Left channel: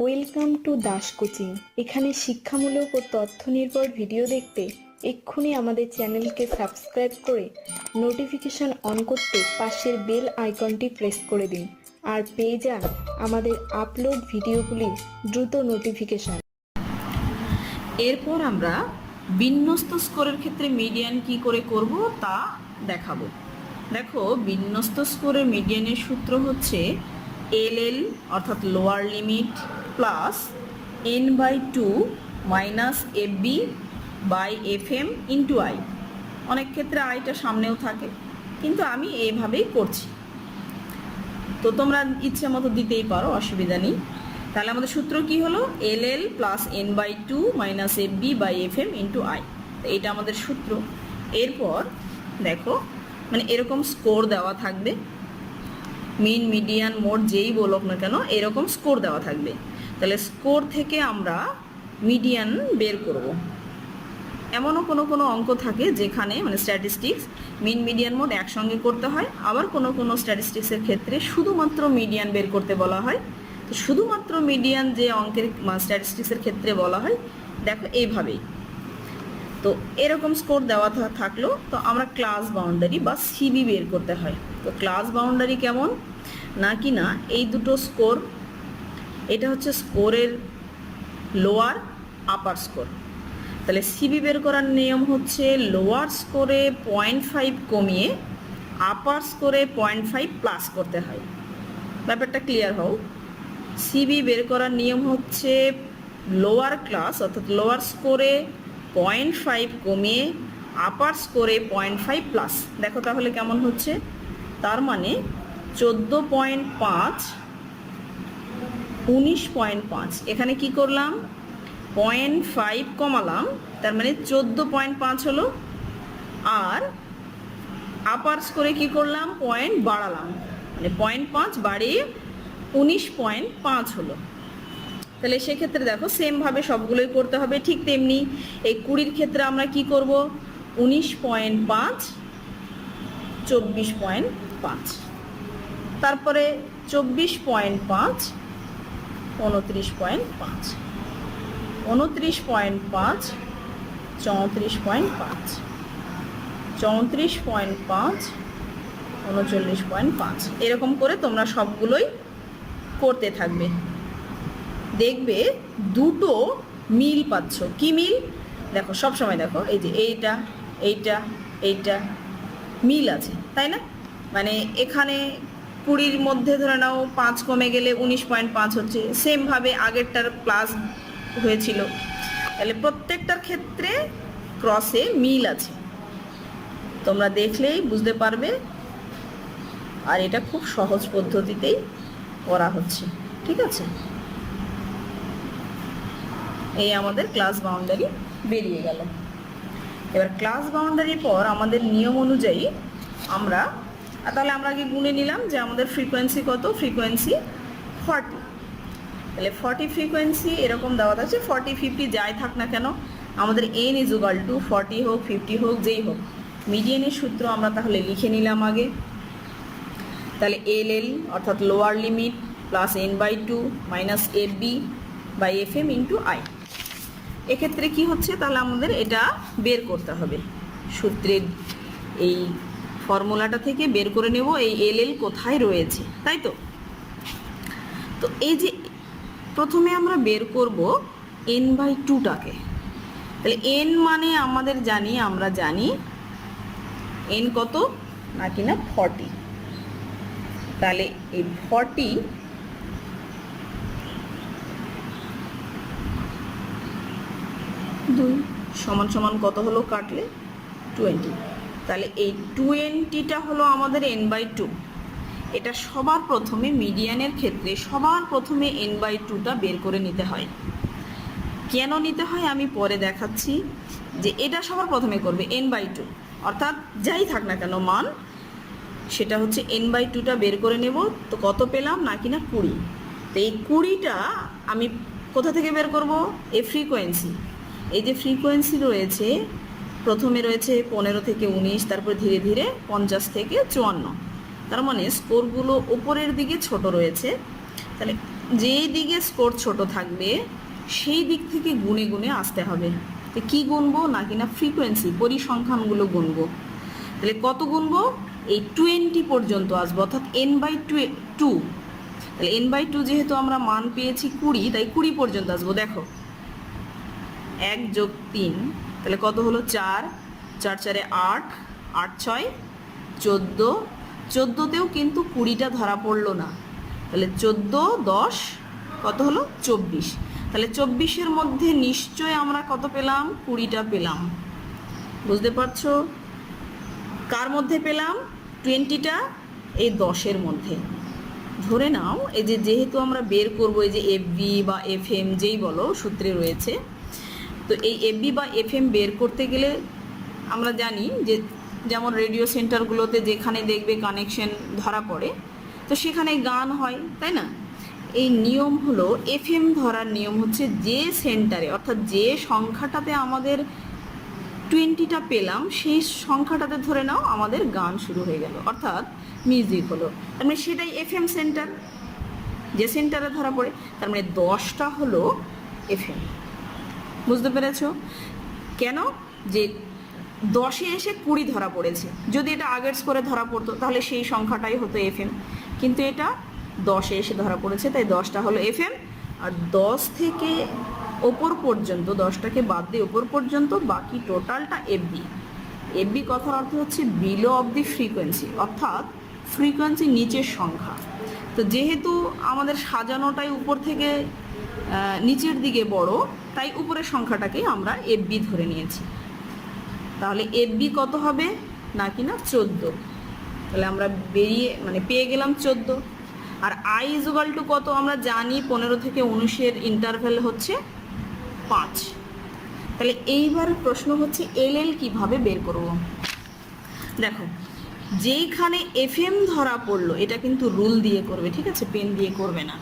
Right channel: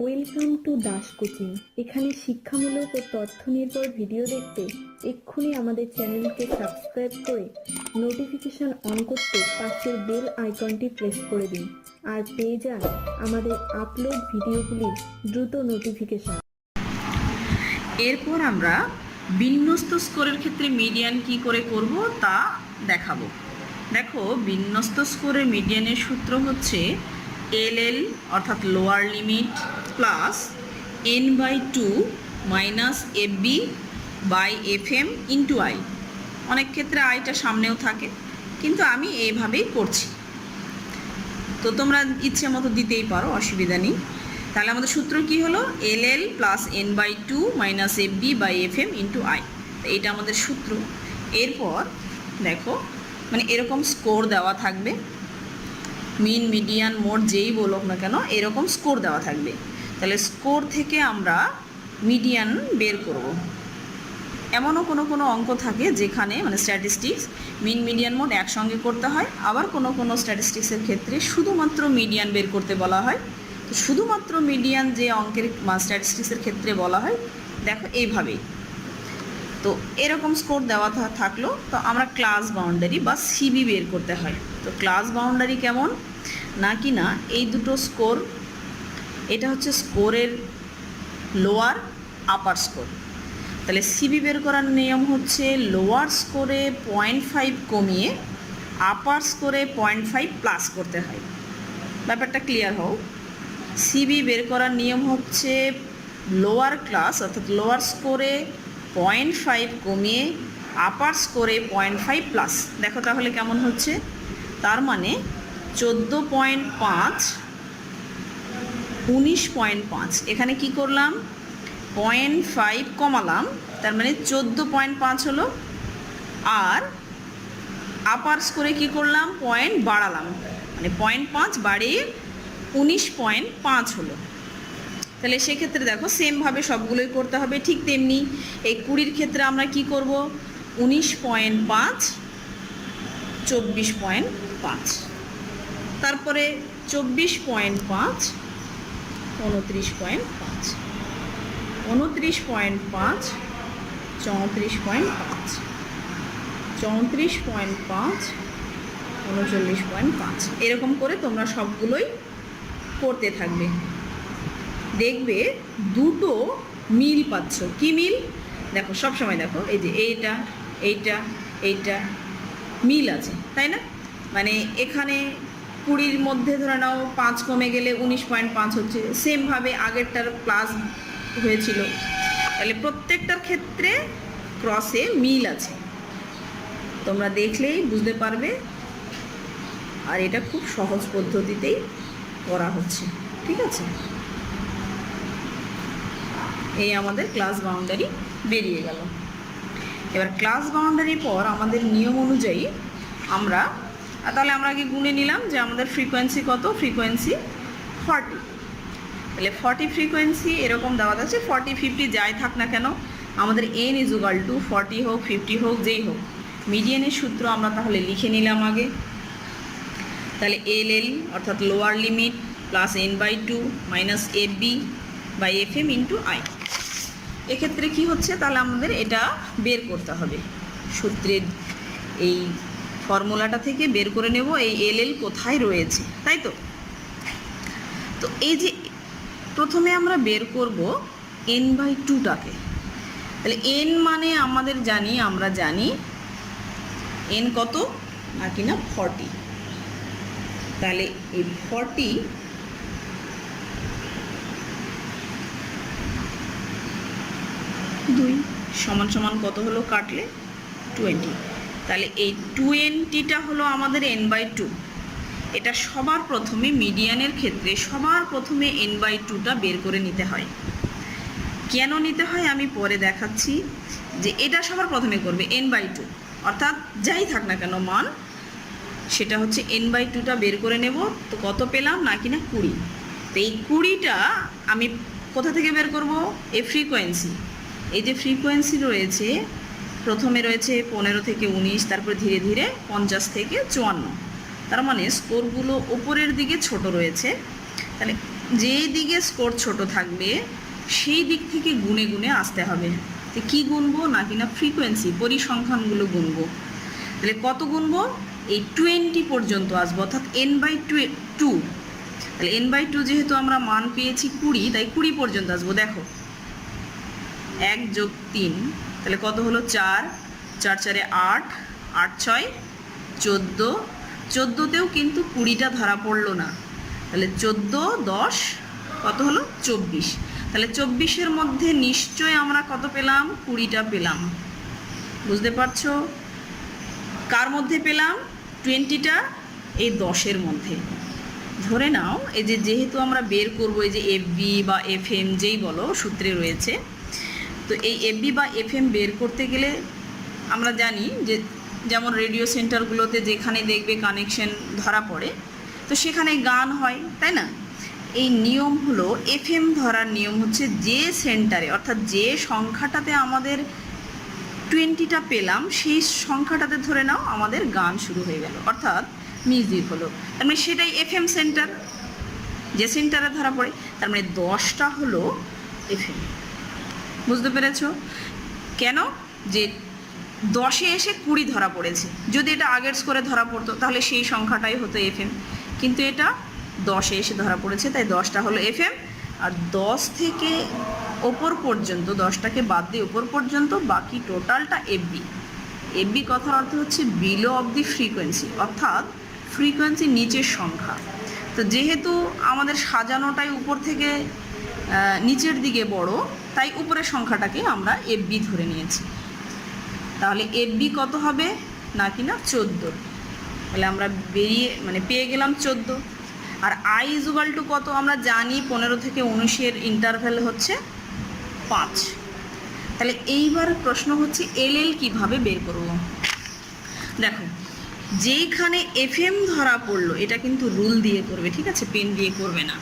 Welcome to Das coaching. এখানে শিক্ষামূলক ও তথ্য নির্ভর ভিডিও দেখতে এক্ষুনি আমাদের চ্যানেলকে সাবস্ক্রাইব করে নোটিফিকেশন অন করতে পাশের বেল আইকনটি প্রেস করে দিন। আর পেয়ে যান আমাদের আপলোড ভিডিওগুলির দ্রুত নোটিফিকেশন। এরপর আমরা বিন্যস্ত স্কোরের ক্ষেত্রে মিডিয়ান কি করে করব তা দেখাবো। দেখো, বিন্যস্ত স্কোরের মিডিয়ানের সূত্র হচ্ছে এল এল অর্থাৎ lower limit plus N by two minus F B by F M into I অনেক ক্ষেত্রে আইটা সামনেও থাকে, কিন্তু আমি এইভাবেই করছি। তো তোমরা ইচ্ছে মতো দিতেই পারো, অসুবিধা নেই। তাহলে আমাদের সূত্র কি হলো? L L plus N by two minus F B by F M into I এইটা আমাদের সূত্র। এরপর দেখো মানে এরকম স্কোর দেওয়া থাকবে। মিন মিডিয়ান মোড যেই বলুক না কেন, এরকম স্কোর দেওয়া থাকবে। তাহলে স্কোর থেকে আমরা মিডিয়ান বের করব। এমনও কোনো কোনো অঙ্ক থাকে যেখানে মানে স্ট্যাটিস্টিক্স মিন মিডিয়ান মোড একসঙ্গে করতে হয়। আবার কোনো কোনো স্ট্যাটিস্টিক্সের ক্ষেত্রে শুধুমাত্র মিডিয়ান বের করতে বলা হয়। তো শুধুমাত্র মিডিয়ান যে অঙ্কের স্ট্যাটিস্টিক্সের ক্ষেত্রে বলা হয়, দেখো এইভাবেই। তো এরকম স্কোর দেওয়া থাকল, তো আমরা ক্লাস বাউন্ডারি বা সিবি বের করতে হয়। তো ক্লাস বাউন্ডারি কেমন? না কি না, এই দুটো স্কোর এটা হচ্ছে স্কোরের লোয়ার আপার স্কোর তাহলে সিবি বের করার নিয়ম হচ্ছে লোয়ার স্কোরে পয়েন্ট ফাইভ কমিয়ে আপার স্কোরে পয়েন্ট ফাইভ প্লাস করতে হয়। ব্যাপারটা ক্লিয়ার হোক সিবি বের করার নিয়ম হচ্ছে লোয়ার ক্লাস অর্থাৎ লোয়ার স্কোরে পয়েন্ট ফাইভ কমিয়ে আপার স্কোরে পয়েন্ট ফাইভ প্লাস দেখো তাহলে কেমন হচ্ছে? তার মানে চোদ্দ পয়েন্ট পাঁচ, উনিশ পয়েন্ট পাঁচ। এখানে কি করলাম? পয়েন্ট ফাইভ কমালাম, তার মানে চোদ্দ পয়েন্ট পাঁচ হলো। আর আপার স্কোরে কি করলাম? পয়েন্ট বাড়ালাম। মানে পয়েন্ট পাঁচ বাড়িয়ে উনিশ পয়েন্ট পাঁচ হলো। তাহলে সেক্ষেত্রে দেখো সেমভাবে সবগুলোই করতে হবে। ঠিক তেমনি এই কুড়ির ক্ষেত্রে আমরা কি করব? উনিশ পয়েন্ট পাঁচ, চব্বিশ পয়েন্ট পাঁচ। তারপরে চব্বিশ পয়েন্ট পাঁচ, উনত্রিশ পয়েন্ট পাঁচ। উনত্রিশ পয়েন্ট পাঁচ, চৌত্রিশ পয়েন্ট পাঁচ। চৌত্রিশ পয়েন্ট পাঁচ, উনচল্লিশ পয়েন্ট পাঁচ। এরকম করে তোমরা সবগুলোই করতে থাকবে। দেখবে দুটো মিল পাচ্ছ। কি মিল? দেখো, সব সময় দেখো, এই যে এইটা এইটা এইটা, মিল আছে, তাই না? মানে এখানে কুড়ির মধ্যে ধরে নাও পাঁচ কমে গেলে উনিশ পয়েন্ট পাঁচ হচ্ছে। সেমভাবে আগেরটার ক্লাস হয়েছিল। তাহলে প্রত্যেকটার ক্ষেত্রে ক্রসে মিল আছে। তোমরা দেখলেই বুঝতে পারবে। আর এটা খুব সহজ পদ্ধতিতেই করা হচ্ছে। ঠিক আছে? এই আমাদের ক্লাস বাউন্ডারি বেরিয়ে গেল। এবার ক্লাস বাউন্ডারির পর আমাদের নিয়ম অনুযায়ী আমরা, তাহলে আমরা কি গুনে নিলাম যে আমাদের ফ্রিকোয়েন্সি কত? ফ্রিকোয়েন্সি ফর্টি তাহলে ফর্টি ফ্রিকোয়েন্সি এরকম দেওয়া আছে ফর্টি ফিফটি যাই থাক না কেন, আমাদের N is equal to forty হোক ফিফটি হোক, যেই হোক। মিডিয়ানের সূত্র আমরা তাহলে লিখে নিলাম আগে। তাহলে এল এল অর্থাৎ lower limit plus N by two minus F B by F M into I এক্ষেত্রে কি হচ্ছে? তাহলে আমাদের এটা বের করতে হবে। সূত্রের এই ফর্মুলাটা থেকে বের করে নেব, এই এল এল কোথায় রয়েছে, তাই তো? তো এই যে প্রথমে আমরা বের করব এন বাই টুটাকে তাহলে এন মানে আমাদের জানি, আমরা জানি এন কত? না ফর্টি তাহলে এই ফর্টি দুই সমান সমান কত হলো? কাটলে টোয়েন্টি তাহলে এই টোয়েন্টিটা হলো আমাদের এন বাই টু এটা সবার প্রথমে মিডিয়ানের ক্ষেত্রে সবার প্রথমে এন বাই টুটা বের করে নিতে হয়। কেন নিতে হয়? আমি পরে দেখাচ্ছি যে এটা সবার প্রথমে করবে এন বাই টু অর্থাৎ যাই থাক না কেন, মান সেটা হচ্ছে এন বাই টুটা বের করে নেব। তো কত পেলাম? না কিনা কুড়ি। তো এই কুড়িটা আমি কোথা থেকে বের করব? এ ফ্রিকোয়েন্সি এই যে ফ্রিকোয়েন্সি রয়েছে, প্রথমে রয়েছে পনেরো থেকে উনিশ, তারপর ধীরে ধীরে পঞ্চাশ থেকে চুয়ান্ন। তার মানে স্কোরগুলো ওপরের দিকে ছোট রয়েছে। তাহলে যেই দিকে স্কোর ছোট থাকবে, সেই দিক থেকে গুনে গুনে আসতে হবে। তো কী গুনবো না কিনা ফ্রিকোয়েন্সি পরিসংখ্যানগুলো গুনবো। তাহলে কত গুনবো? এই টোয়েন্টি পর্যন্ত আসব, অর্থাৎ এন বাই টু তাহলে এন বাই টু যেহেতু আমরা মান পেয়েছি কুড়ি, তাই কুড়ি পর্যন্ত আসব। দেখো এক যোগ তিন, তাহলে কত হলো চার? চার চারে আট আট ছয়, চোদ্দ। চোদ্দোতেও কিন্তু কুড়িটা ধরা পড়ল না। তাহলে চোদ্দ, দশ, কত হলো? চব্বিশ। তাহলে চব্বিশের মধ্যে নিশ্চয় আমরা কত পেলাম? কুড়িটা পেলাম। বুঝতে পারছ? কার মধ্যে পেলাম? টোয়েন্টিটা এই দশের মধ্যে। ধরে নাও, এই যে যেহেতু আমরা বের করব, এই যে এফ বি বা এফ এম যেই বলো, সূত্রে রয়েছে তো এই এফ বি বা এফ এম বের করতে গেলে আমরা জানি যে যেমন রেডিও সেন্টারগুলোতে যেখানে দেখবে কানেকশন ধরা পড়ে, তো সেখানে গান হয়, তাই না? এই নিয়ম হলো এফ এম ধরার নিয়ম হচ্ছে যে সেন্টারে, অর্থাৎ যে সংখ্যাটাতে আমাদের টোয়েন্টিটা পেলাম, সেই সংখ্যাটাতে ধরে নাও আমাদের গান শুরু হয়ে গেল, অর্থাৎ মিউজিক হলো। তার মানে সেটাই এফ এম সেন্টার, যে সেন্টারে ধরা পড়ে, তার মানে দশটা হলো এফ এম বুঝতে পেরেছ? কেন? যে দশে এসে কুড়ি ধরা পড়েছে। যদি এটা আগের স্কোরে ধরা পড়তো, তাহলে সেই সংখ্যাটাই হতো এফ এম কিন্তু এটা দশে এসে ধরা পড়েছে, তাই দশটা হলো এফ এম আর দশ থেকে ওপর পর্যন্ত, দশটাকে বাদ দিয়ে ওপর পর্যন্ত বাকি টোটালটা এফ এফবি এফবি কথার অর্থ হচ্ছে বিলো অব দি ফ্রিকোয়েন্সি অর্থাৎ ফ্রিকোয়েন্সি নিচের সংখ্যা। তো যেহেতু আমাদের সাজানোটাই উপর থেকে নিচের দিকে বড়, তাই উপরের সংখ্যাটাকে আমরা এফ বি ধরে নিয়েছি। তাহলে এফ বি কত হবে? না কিনা চোদ্দ? তাহলে আমরা বেরিয়ে মানে পেয়ে গেলাম চোদ্দ। আর আই ইজুগাল টু কত? আমরা জানি পনেরো থেকে উনিশের ইন্টারভ্যাল হচ্ছে পাঁচ। তাহলে এইবার প্রশ্ন হচ্ছে এল এল কীভাবে বের করব? দেখো, যেইখানে এফ এম ধরা পড়ল, এটা কিন্তু রুল দিয়ে করবে, ঠিক আছে? পেন দিয়ে করবে না।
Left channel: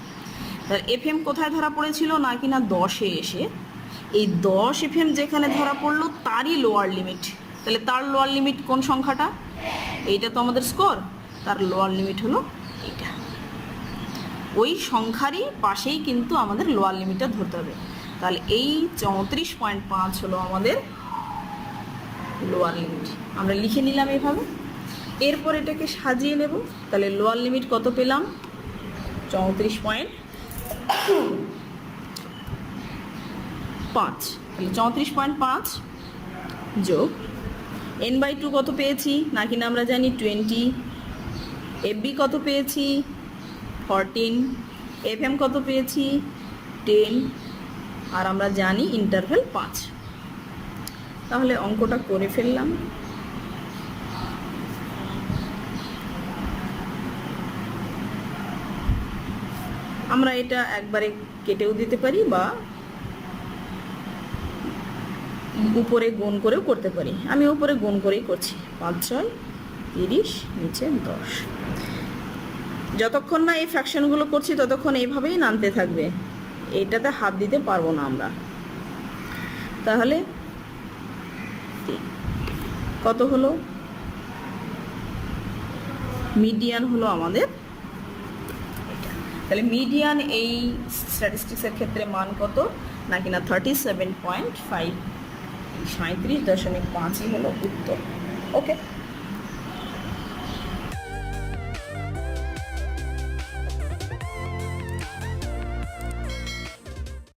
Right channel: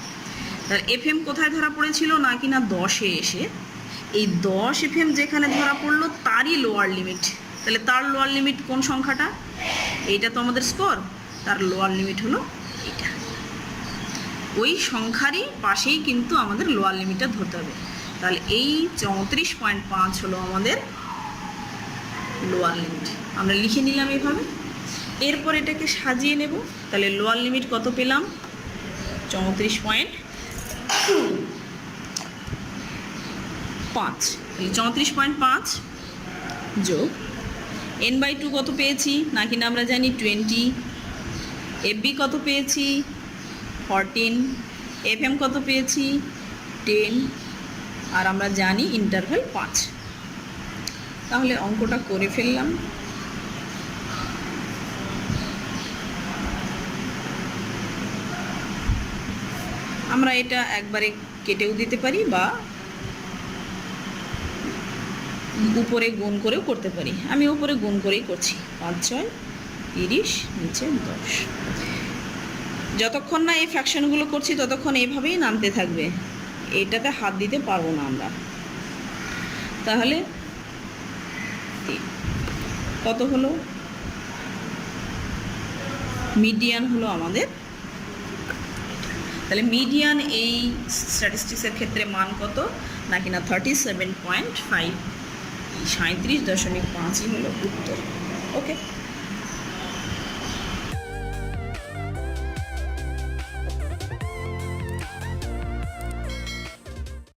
এফএম কোথায় ধরা পড়েছিল? না কিনা দশে এসে। এই দশ এফএম যেখানে ধরা পড়ল, তারই লোয়ার লিমিট তাহলে তার লোয়ার লিমিট কোন সংখ্যাটা? এইটা তো আমাদের স্কোর তার লোয়ার লিমিট হলো এইটা। ওই সংখ্যারই পাশেই কিন্তু আমাদের লোয়ার লিমিটটা ধরতে হবে। তাহলে এই চৌত্রিশ পয়েন্ট পাঁচ হলো আমাদের লোয়ার লিমিট আমরা লিখে নিলাম এইভাবে এরপর এটাকে সাজিয়ে নেব। তাহলে লোয়ার লিমিট কত পেলাম? চৌত্রিশ পয়েন্ট পাঁচ। চৌত্রিশ পয়েন্ট পাঁচ যোগ এন বাই টু কত পেয়েছি? না কিনা আমরা জানি টোয়েন্টি এফবি কত পেয়েছি? ফরটিন এফএম কত পেয়েছি? টেন আর আমরা জানি ইন্টারভ্যাল পাঁচ। তাহলে অঙ্কটা করে ফেললাম। আমরা এটা একবারে কেটেও দিতে পারি বা উপরে গুণ করেও করতে পারি। আমি উপরে গুণ করেই করছি। পাঁচ, ছয়, তিরিশ, নিচে দশ। যতক্ষণ না এই ফ্র্যাকশনগুলো করছি, ততক্ষণ এইভাবেই নামতে থাকবে। এটাতে হাত দিতে পারব না আমরা। তাহলে কত হলো? মিডিয়ান হলো আমাদের তাহলে মিডিয়ান এই স্ট্যাটিস্টিক্সের ক্ষেত্রে মান কত? না কিনা থার্টি সেভেন পয়েন্ট ফাইভ সাঁত্রিশ দশমিক পাঁচই হলো উত্তর। ওকে